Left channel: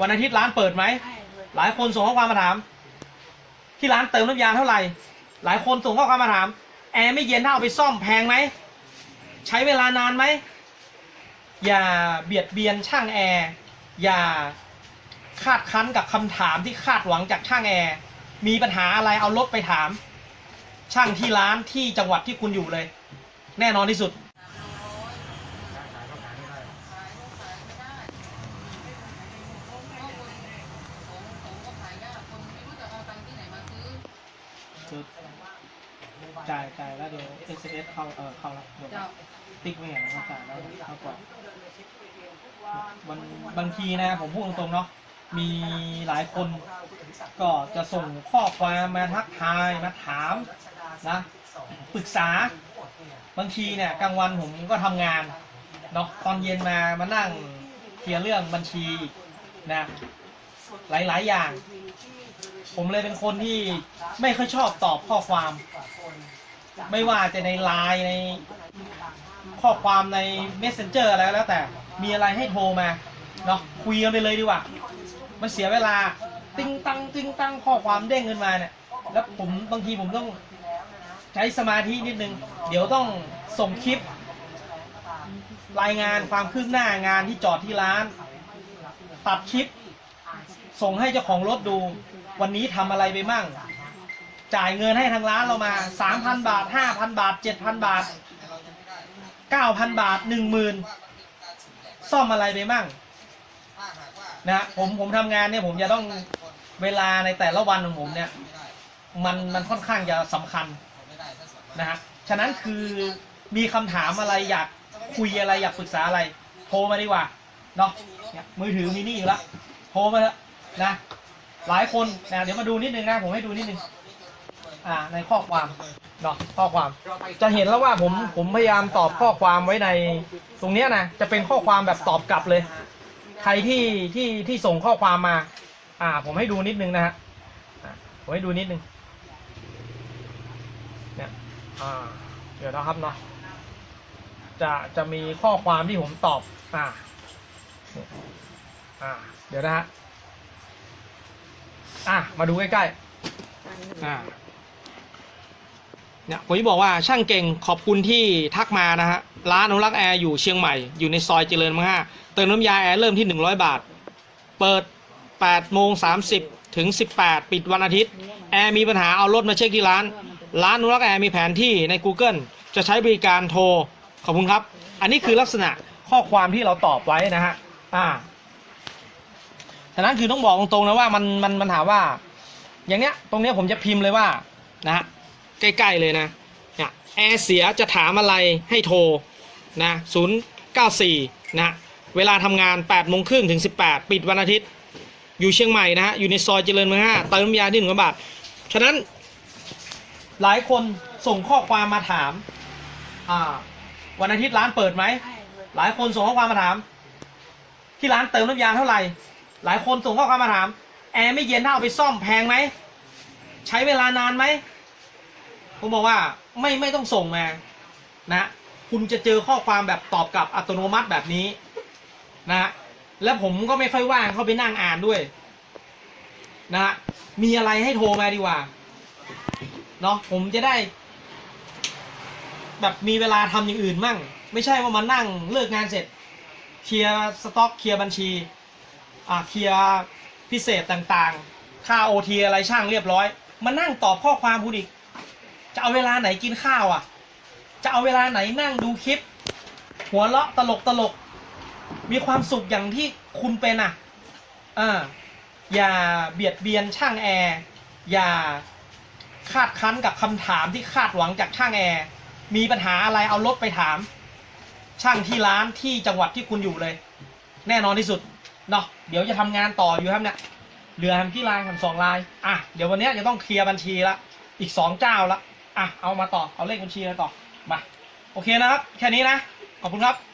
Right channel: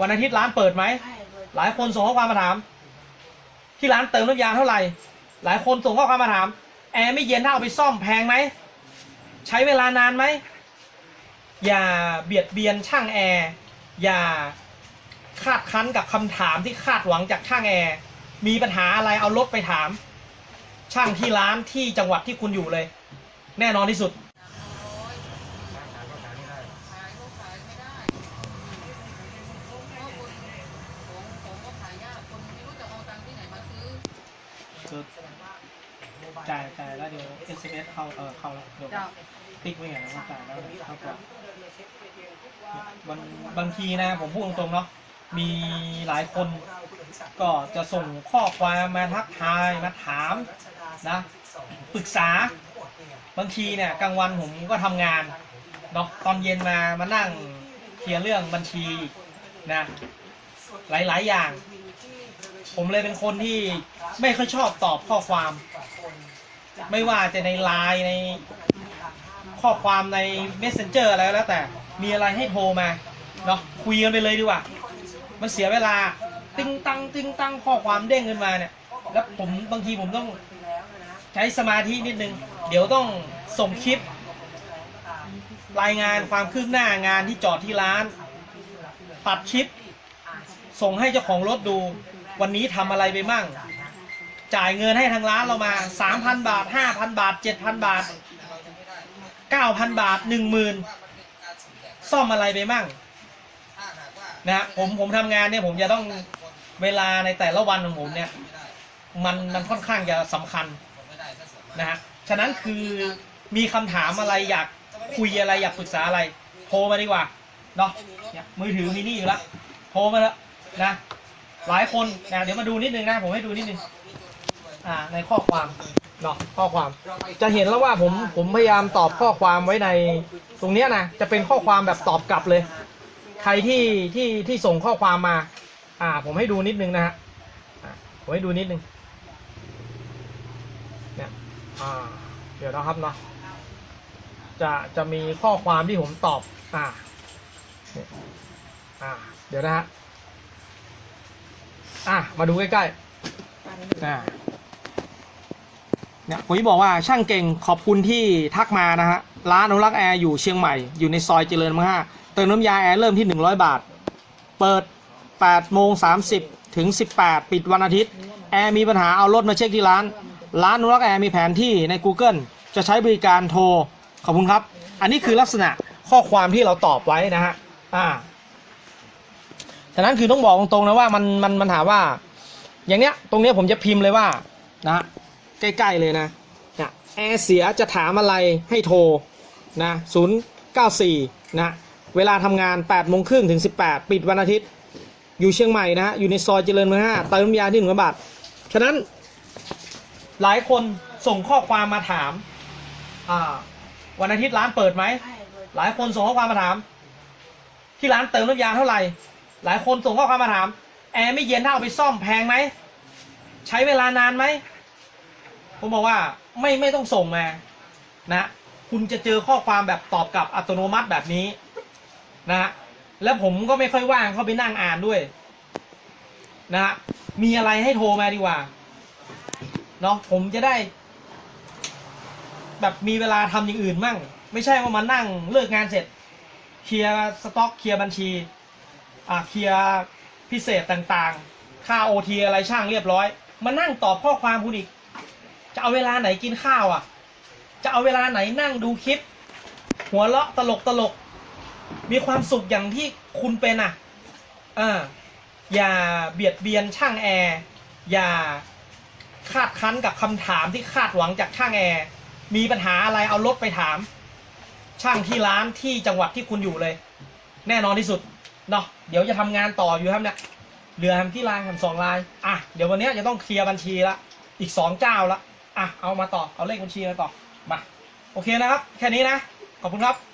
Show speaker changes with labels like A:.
A: วันอาทิตย์ร้านเปิดไหม หลายคนส่งข้อความมาถาม ที่ร้านเติมน้ำยาเท่าไหร่ หลายคนส่งข้อความมาถาม แอร์ไม่เย็นถ้าเอาไปซ่อมแพงไหม ใช้เวลานานไหม อย่าเบียดเบียนช่างแอร์ อย่าคาดคั้นกับคำถามที่คาดหวังจากช่างแอร์ มีปัญหาอะไรเอารถไปถาม ช่างที่ร้านที่จังหวัดที่คุณอยู่เลย แน่นอนที่สุด จ่ายจ่ายแล้วเดี๋ยว SMS เข้าเออเข้าแล้วเดี๋ยวติ๊กไว้อย่างนั้นจ่ายแล้วเข้าก่อนบางบางทีนะ ผมพูดตรงๆเนาะมีหลายคนก็จะส่งข้อความมาทักทายมาถามนะปรึกษา บางทีเนี่ยกลางวันผมก็ทำงานเนาะตอนเย็นมามานั่งเคลียร์เรื่องบัญชีนะ หลาย ๆ อย่าง ผมเลยเป็นคนที่ไม่ค่อยชอบตอบข้อความ ไม่ว่าจะในไลน์ในข้อความใน messenger อะไรก็แล้วแต่ มีอะไรให้โทรมาเนาะคุยกันไปเลยดีกว่า มันเสียเวลา ติ้งตังติ้งตังข้อความเด้งขึ้นมาเนี่ย แล้วผมบางทีผมต้องใช้สมาธินิดนึง เดี๋ยวต้องส่งคลิป รายงานความคืบหน้างานที่จอดที่ร้าน ตัดคลิป ส่งให้เจ้าของรถดู วันนี้ทำอะไรไปมั่ง จ่ายเงินให้ทางร้านเรามา3,000บาท5,000บาท7,000บาท9,000บาท10,000ซ่อมอะไรไปมั่งนะผมผมทำงานเนี่ยผมจะต้องเวลาในแต่ละวันของผมเนี่ย มันมันค่อนข้างจะสำคัญนะฮะฉะนั้นคือมีคำถามอะไรอยากคุยอะไรอยากปรึกษาอะไร โทรมาดีกว่าเนาะมือถือมีนี่อยู่แล้วโทรมาเถอะ นะหลายคนนะเดี๋ยวมาดูนิดนึงนะผมให้ดูนิดนึงอ่าในข้อความเนาะข้อความ จะเห็นแล้วว่าผมผมพยายามตอบข้อความไว้ในตรงเนี้ยนะจะเป็นข้อความแบบตอบกลับเลย ใครที่ที่ที่ส่งข้อความมา อ่า ผมให้ดูนิดนึงนะฮะผมให้ดูนิดนึงเนี่ยอ่าเดี๋ยวนะครับเนาะจะจะมีข้อความที่ผมตอบอ่าอ่า เดี๋ยวนะฮะ อะมาดูใกล้ๆอ่าเนี่ยผมจะบอกว่าช่างเก่งขอบคุณที่ทักมานะฮะร้านอนุรักษ์แอร์อยู่เชียงใหม่อยู่ในซอยเจริญมังห้าเติมน้ำยาแอร์เริ่มที่ 100 บาท เปิด8โมง30 ถึง 18 ปิดวันอาทิตย์ แอร์มีปัญหาเอารถมาเช็คที่ร้าน ร้านอนุรักษ์แอร์มีแผนที่ใน Google จะใช้บริการโทร ขอบคุณครับ อันนี้คือลักษณะข้อความที่เราตอบไว้นะฮะอ่า ฉะนั้นคือต้องบอกตรงๆนะว่ามันมันมันถามว่า อย่างเนี้ย ตรงเนี้ยผมจะพิมพ์เลยว่านะฮะใกล้ๆเลยนะเนี่ยแอร์เสียจะถามอะไรให้โทรนะ094นะเวลาทำงาน8โมงครึ่งถึง 18 ปิดวันอาทิตย์ อยู่เชียงใหม่นะฮะ อยู่ในซอยเจริญเมือง5เติมน้ำยาที่หนึ่งบาท ฉะนั้นหลายคนส่งข้อความมาถาม อ่า วันอาทิตย์ร้านเปิดไหม หลายคนส่งข้อความมาถาม ที่ร้านเติมน้ำยาเท่าไหร่ หลายคนส่งข้อความมาถาม แอร์ไม่เย็นถ้าเอาไปซ่อมแพงไหม ใช้เวลานานไหม ผมบอกว่าไม่ไม่ต้องส่งมานะ คุณจะเจอข้อความแบบตอบกลับอัตโนมัติแบบนี้นะฮะและผมก็ไม่ค่อยว่างเข้าไปนั่งอ่านด้วยนะฮะมีอะไรให้โทรมาดีกว่าเนาะผมจะได้ แบบมีเวลาทำอย่างอื่นมั่ง ไม่ใช่ว่ามานั่งเลิกงานเสร็จ เคลียร์สต็อกเคลียร์บัญชี อ่าเคลียร์พิเศษต่างๆ ค่าโอทีอะไรช่างเรียบร้อย มานั่งตอบข้อความคุณอีก จะเอาเวลาไหนกินข้าวอะ จะเอาเวลาไหนนั่งดูคลิป หัวเราะตลกตลก มีความสุขอย่างที่คุณเป็นอะเอออย่าเบียดเบียนช่างแอร์ อย่าคาดคั้นกับคำถามที่คาดหวังจากช่างแอร์ มีปัญหาอะไรเอารถไปถาม ช่างที่ร้านที่จังหวัดที่คุณอยู่เลย แน่นอนที่สุด เนาะเดี๋ยวจะทำงานต่ออยู่ครับเนี่ยเหลือทำที่ลายทำสองลายอะเดี๋ยววันนี้จะต้องเคลียร์บัญชีละอีกสองเจ้าละอะเอามาต่อเอาเลขบัญชีมาต่อมาโอเคนะครับ แค่นี้นะขอบคุณครับ